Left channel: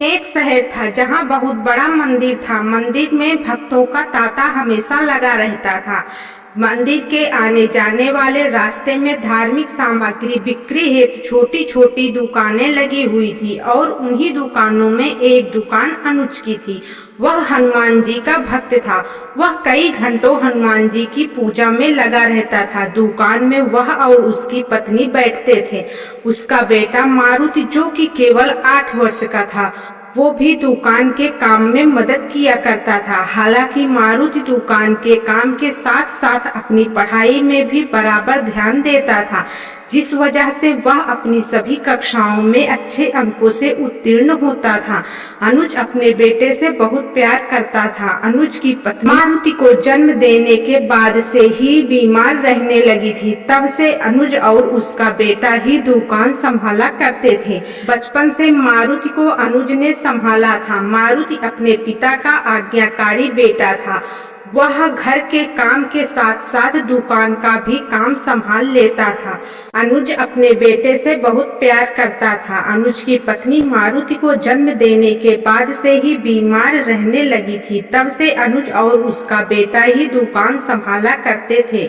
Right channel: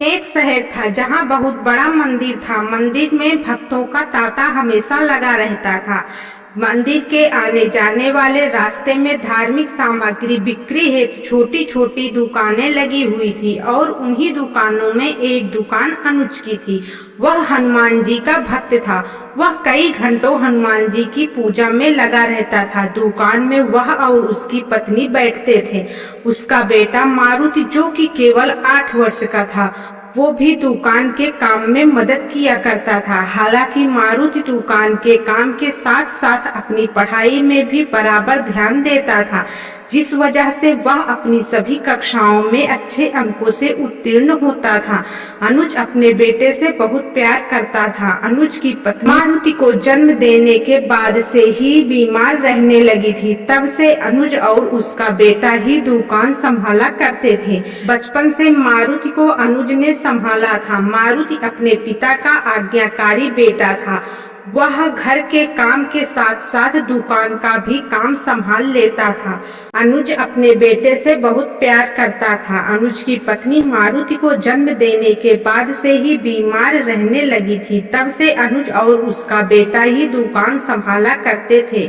एक शहर था जहाँ बहुत बड़ा मंदिर था। मंदिर में भक्तों का तांता हमेशा लगा रहता था। मंदिर के आने जाने वाले रास्ते में धार्मिक सामग्री बिक्री हेतु छोटी छोटी दुकानें लगी हुई थी और उन्हीं दुकानों में एक दुकान अनुज की थी। वह हनुमान जी का भक्त था। वह कई घंटों हनुमान जी की पूजा में लगा रहता था। दुकान में वह और उसकी पत्नी बैठते थे। उसका बेटा मारुति, जो कि केवल 8 वर्ष का था, वो भी दुकान के काम में मदद किया करता था। हालांकि मारुति दुकान के काम के साथ साथ अपनी पढ़ाई में भी बराबर ध्यान देता था, जिस वजह से वह अपनी सभी कक्षाओं में अच्छे अंकों से उत्तीर्ण होता था। अनुज अपने बेटे से बहुत प्यार करता था। अनुज की पत्नी मारुति को जन्म देने के बाद से ही बीमार रहने लगी थी। तब से अनुज और उसका बेटा ही दुकान संभाला करते थे। बचपन से मारुति को अनुज ने संभाला था। मारुति अपने पिता का आज्ञाकारी बेटा था। वह घर के काम के साथ साथ दुकान का भी काम संभाल लेता था। अनुज अपने बेटे से बहुत प्यार करता था। अनुज की पत्नी मारुति को जन्म देने के बाद से ही बीमार रहने लगी थी। तब से अनुज और उसका बेटा ही दुकान संभाला करते थे।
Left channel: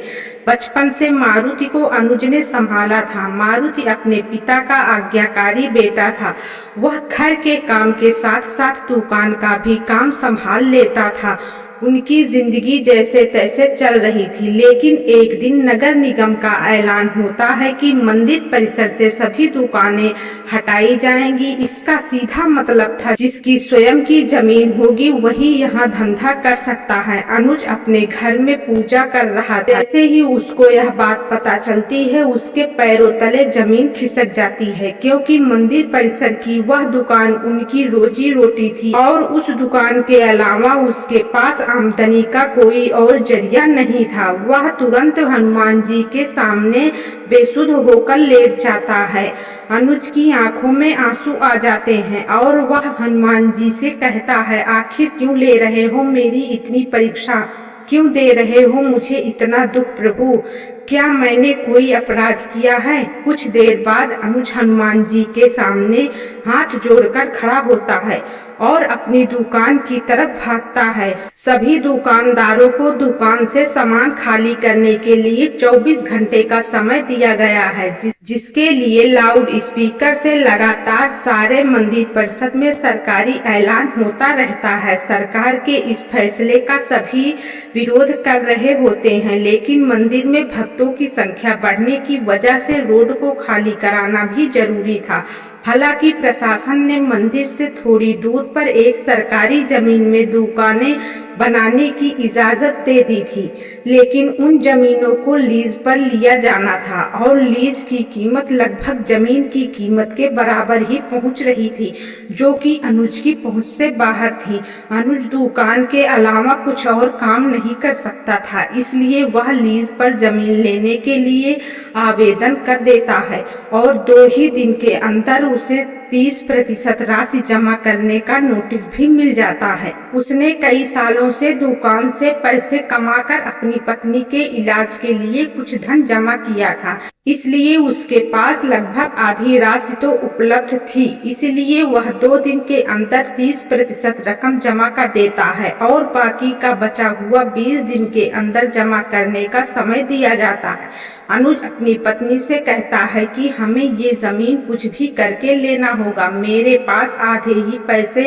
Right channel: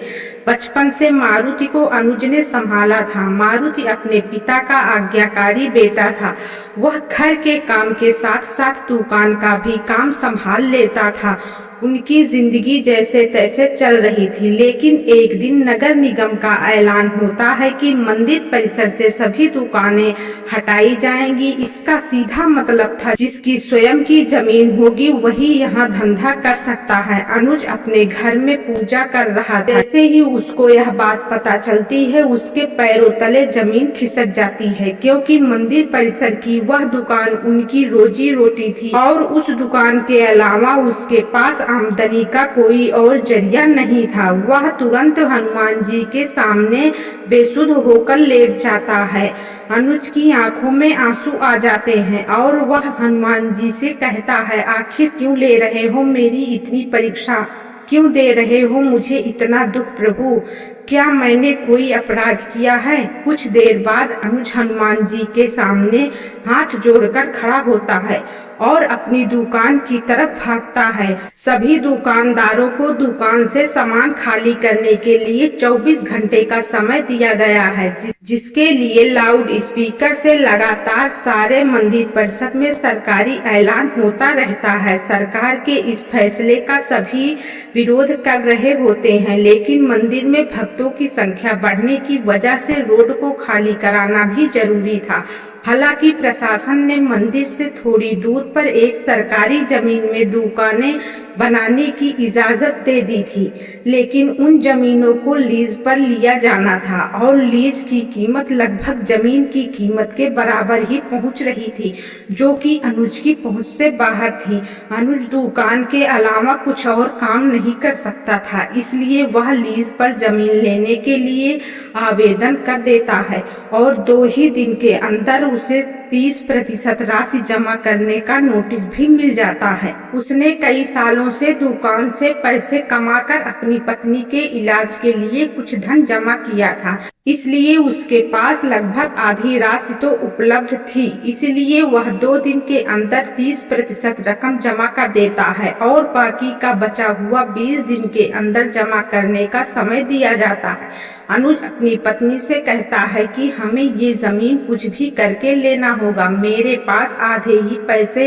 बचपन से मारुति को अनुज ने संभाला था। मारुति अपने पिता का आज्ञाकारी बेटा था। वह घर के काम के साथ साथ दुकान का भी काम संभाल लेता था। उनकी जिंदगी जैसे तैसे चल रही थी। लेकिन एक दिन नगर निगम का ऐलान होता है कि मंदिर परिसर से सभी दुकानें हटाई जाएंगी। इसका सीधा मतलब था जिसकी स्वयं की जमीन होगी वही यहाँ धंधा कर सकता है। अनुज अपने घर में पूजा कर रहा था। जैसे ही उसको यह बात पता चलती है, उसके पैरों तले जमीन खिसक जाती है, क्योंकि मंदिर परिसर की वह दुकान उनकी रोजी रोटी थी और उस दुकान के अलावा उसके पास आमदनी का कोई और जरिया नहीं था। वह तुरंत हनुमान जी के सामने बेसुध होकर लेट जाता है। अनुज की आंखों में आंसू आ जाते हैं और वह हनुमान जी से कहता है, आखिर क्यों ले रहे हो मेरी इतनी परीक्षा, क्यों दे रहे हो मुझे इतना दुख प्रभु, क्या मैंने कोई अपराध किया है? कुछ देर बाद अनुज हनुमान जी के सामने हाथ जोड़कर खड़ा होता है और अपनी दुकान की तरफ भागता है। सभी दुकानदारों को दुकान से सामान खाली करने के लिए 24 घंटे का समय दिया गया है, जिसके लिए लाउड स्पीकर से लगातार सारे मंदिर परिषद में सरकारी ऐलान होता रहता है। सरकार के इस फैसले का सभी विरोध कर रहे होते हैं, लेकिन मंदिर में भक्तों की संख्या बढ़ने की वजह से रोड को खाली कराना भी जरूरी था। हालांकि प्रशासन ने मंदिर से थोड़ी दूर पर एक सरकारी जमीन में दुकानें बनाने की इजाजत दे दी थी, लेकिन उन जमीनों को लीज पर लिया जाना था और लीज की कीमत लगभग जमीन की कीमत के बराबर ही पहुंच रही थी, जो कि अनुज की पहुंच से बाहर थी। अनुज दुकान के अलावा कुछ और काम नहीं कर सकता था, इसलिए वह लीज पर जमीन लेने के लिए आवेदन कर देता है और 2 ही दिन के अंदर उसे 30% राशि जमा करने का नोटिस भी मिल जाता है। उसने कई सालों से दुकान से पैसे कमाकर अपनी पत्नी के इलाज के लिए कुछ धन जमा किया था, इसलिए उसके पास लगभग आधी राशि तो उपलब्ध थी। इसलिए वह 2 दिन के अंदर 30% रकम जमा कर देता है और बाकी का बचा हुआ 20 दिन के अंदर जमा करने का समय दिया जाता है। अनुज अपनी पत्नी से कहता है कि हमें ये जमीन कुछ भी करके लेना होगा, मेरे पास आधे ही पैसे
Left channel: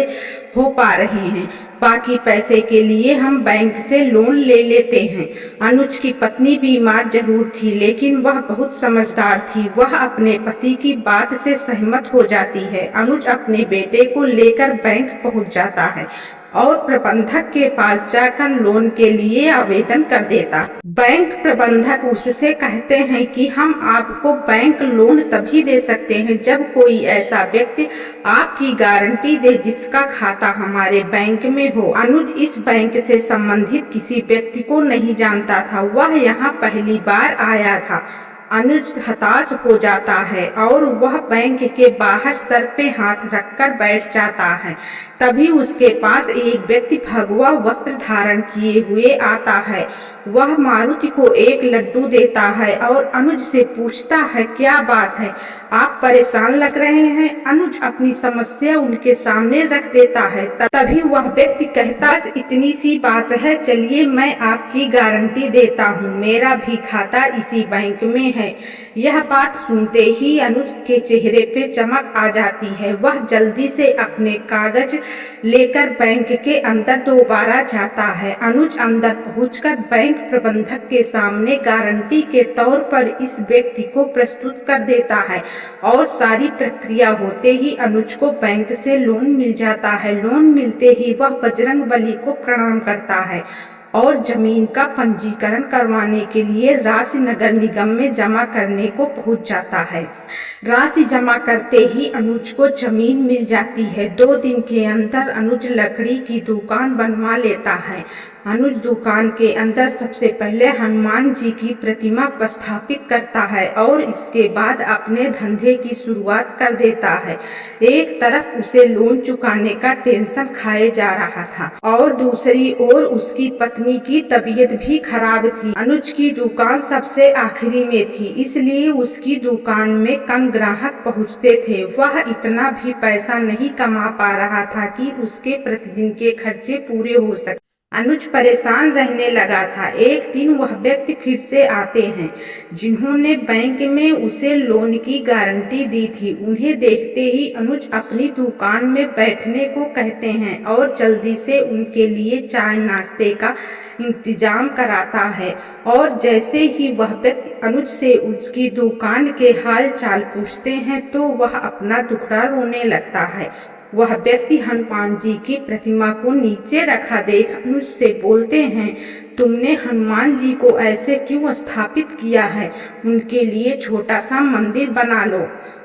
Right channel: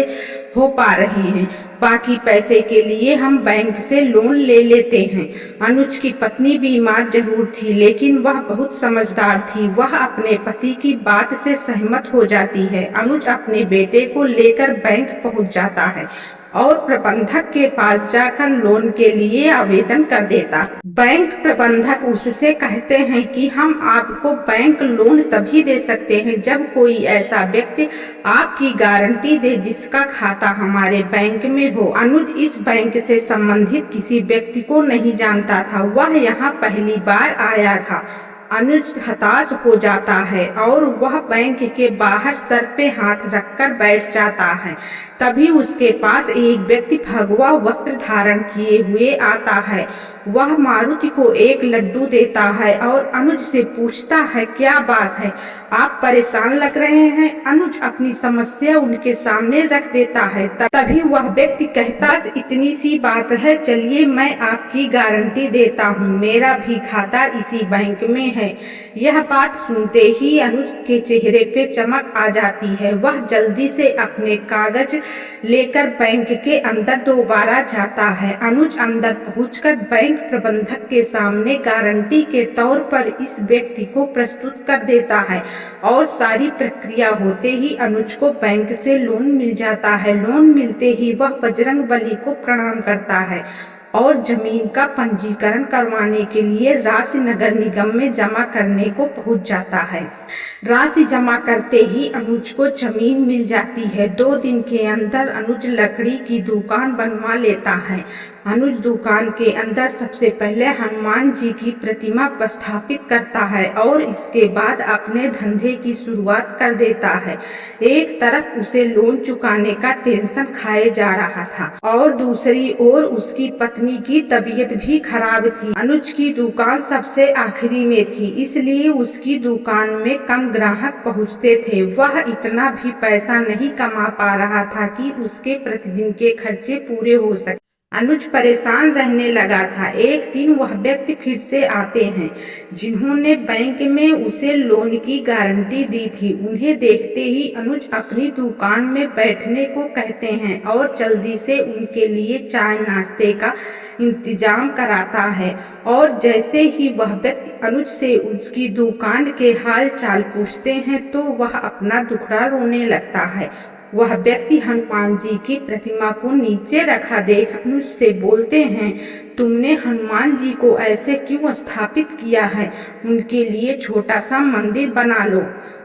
हो पा रहे हैं, बाकी पैसे के लिए हम बैंक से लोन ले लेते हैं। अनुज की पत्नी बीमार जरूर थी, लेकिन वह बहुत समझदार थी। वह अपने पति की बात से सहमत हो जाती है। अनुज अपने बेटे को लेकर बैंक पहुंच जाता है और प्रबंधक के पास जाकर लोन के लिए आवेदन कर देता। बैंक प्रबंधक उससे कहते हैं कि हम आपको बैंक लोन तभी दे सकते हैं जब कोई ऐसा व्यक्ति आपकी गारंटी दे जिसका खाता हमारे बैंक में हो। अनुज इस बैंक से संबंधित किसी व्यक्ति को नहीं जानता था, वह यहाँ पहली बार आया था। अनुज हताश हो जाता है और वह बैंक के बाहर सर पे हाथ रखकर बैठ जाता है। तभी उसके पास एक व्यक्ति भगवा वस्त्र धारण किए हुए आता है। वह मारुति को एक लड्डू देता है और अनुज से पूछता है, क्या बात है, आप परेशान लग रहे हैं। अनुज अपनी समस्या उनके सामने रख देता है। तभी वह व्यक्ति कहता है, बस इतनी सी बात है, चलिए मैं आपकी गारंटी देता हूँ, मेरा भी खाता इसी बैंक में है। यह बात सुनते ही अनुज के चेहरे पे चमक आ जाती है। वह जल्दी से अपने कागज लेकर बैंक के अंदर दोबारा जाता है। अनुज अंदर पहुंचकर बैंक प्रबंधक के सामने गारंटी के तौर पर इस व्यक्ति को प्रस्तुत कर देता है और सारी प्रक्रिया होते ही अनुज को बैंक से लोन मिल जाता है। लोन मिलते ही वह बजरंगबली को प्रणाम करता है और जमीन का पंजीकरण करवाने के लिए राशि नगर निगम में जमा करने को पहुंच जाता है। राशि जमा करते ही अनुज को जमीन मिल जाती है। 2 दिन के अंदर अनुज लकड़ी की दुकान बनवा लेता है। अनुज दुकान के अंदर सबसे पहले हनुमान जी की प्रतिमा स्थापित करता है और इसके बाद अपने धंधे की शुरुआत कर देता है। एक तरफ उसे लोन चुकाने का टेंशन खाए जा रहा था और दूसरी ओर उसकी पत्नी की तबीयत भी खराब थी। अनुज की दुकान सबसे आखिरी में थी, इसलिए उसकी दुकान में कम ग्राहक पहुंचते थे। वह इतना भी पैसा नहीं कमा पा रहा था कि उसके प्रतिदिन के खर्चे पूरे हो सके। अनुज परेशान रहने लगा था। एक दिन वह व्यक्ति फिर से आते हैं जिन्होंने बैंक में उसे लोन की गारंटी दी थी। उन्हें देखते ही अनुज अपनी दुकान में बैठने को कहते हैं और जल्दी से उनके लिए चाय नाश्ते का इंतजाम कराता है। और जैसे ही वह व्यक्ति अनुज से उसकी दुकान के हाल चाल पूछते हैं तो वह अपना दुखड़ा रोने लगता है। वह व्यक्ति हनुमान जी की प्रतिमा को नीचे रखा देख अनुज से बोलते हैं, तुमने हनुमान जी को ऐसे क्यों स्थापित किया है? उनके लिए छोटा सा मंदिर बना लो,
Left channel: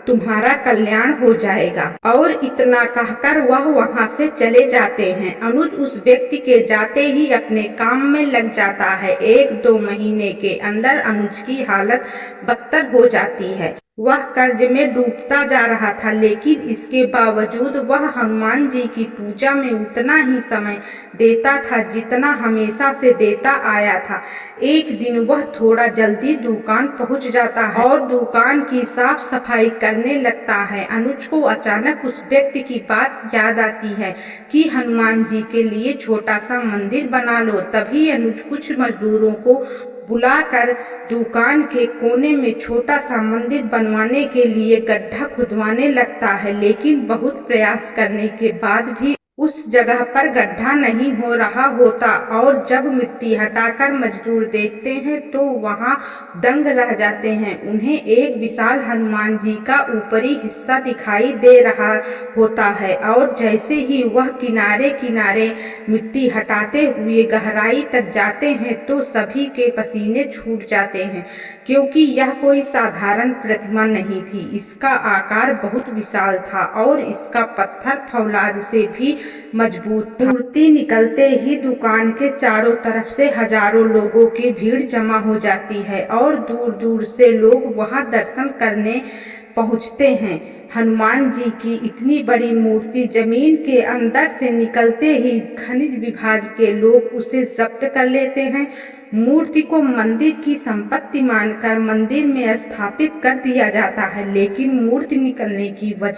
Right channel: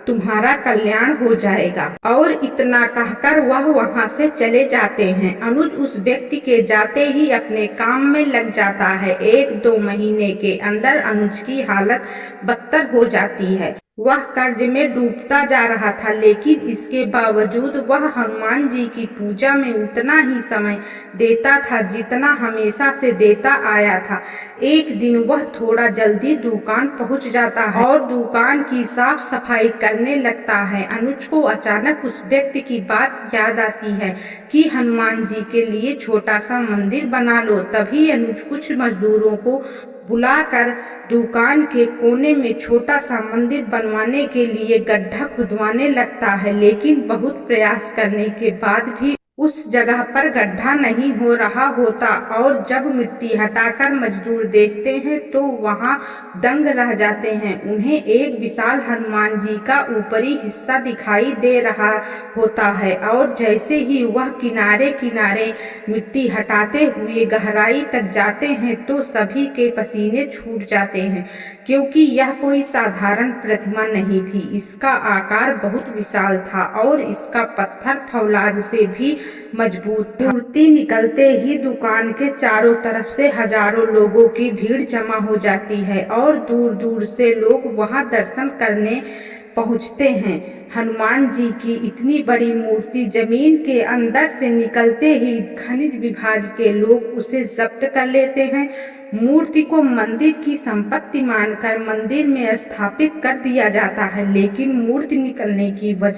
तुम्हारा कल्याण हो जाएगा। और इतना कहकर वह वहां से चले जाते हैं। अनुज उस व्यक्ति के जाते ही अपने काम में लग जाता है। 1-2 महीने के अंदर अनुज की हालत बदतर हो जाती है। वह कर्ज में डूबता जा रहा था, लेकिन इसके बावजूद वह हनुमान जी की पूजा में उतना ही समय देता था जितना हमेशा से देता आया था। एक दिन वह थोड़ा जल्दी दुकान पहुंच जाता है और दुकान की साफ सफाई करने लगता है। अनुज को अचानक उस व्यक्ति की बात याद आती है कि हनुमान जी के लिए छोटा सा मंदिर बना लो। तभी अनुज कुछ मजदूरों को बुलाकर दुकान के कोने में छोटा सा मंदिर बनवाने के लिए गड्ढा खुदवाने लगता है, लेकिन बहुत प्रयास करने के बाद भी उस जगह पर गड्ढा नहीं हो रहा होता और जब मिट्टी हटाकर मजदूर देखते हैं तो वहां दंग रह जाते हैं। उन्हें एक विशाल हनुमान जी का ऊपरी हिस्सा दिखाई दे रहा होता है और जैसे ही वह किनारे किनारे मिट्टी हटाते हुए गहराई तक जाते हैं तो सभी के पसीने छूट जाते हैं, क्योंकि यह कोई साधारण प्रतिमा नहीं थी। इसका आकार बहुत विशाल था और इसका पत्थर फौलाद से भी मजबूत था। मूर्ति निकलते ही दुकान के चारों तरफ से हजारों लोगों की भीड़ जमा हो जाती है और दूर दूर से लोग वहां दर्शन करने पहुंचते हैं। हनुमान जी की इतनी बड़ी मूर्ति जमीन के अंदर से निकलते ही खनिज विभाग के लोग उसे जब्त कर लेते हैं। मूर्ति को मंदिर की संपत्ति मानकर मंदिर में स्थापित कर दिया जाता है, लेकिन मूर्ति निकलने की वजह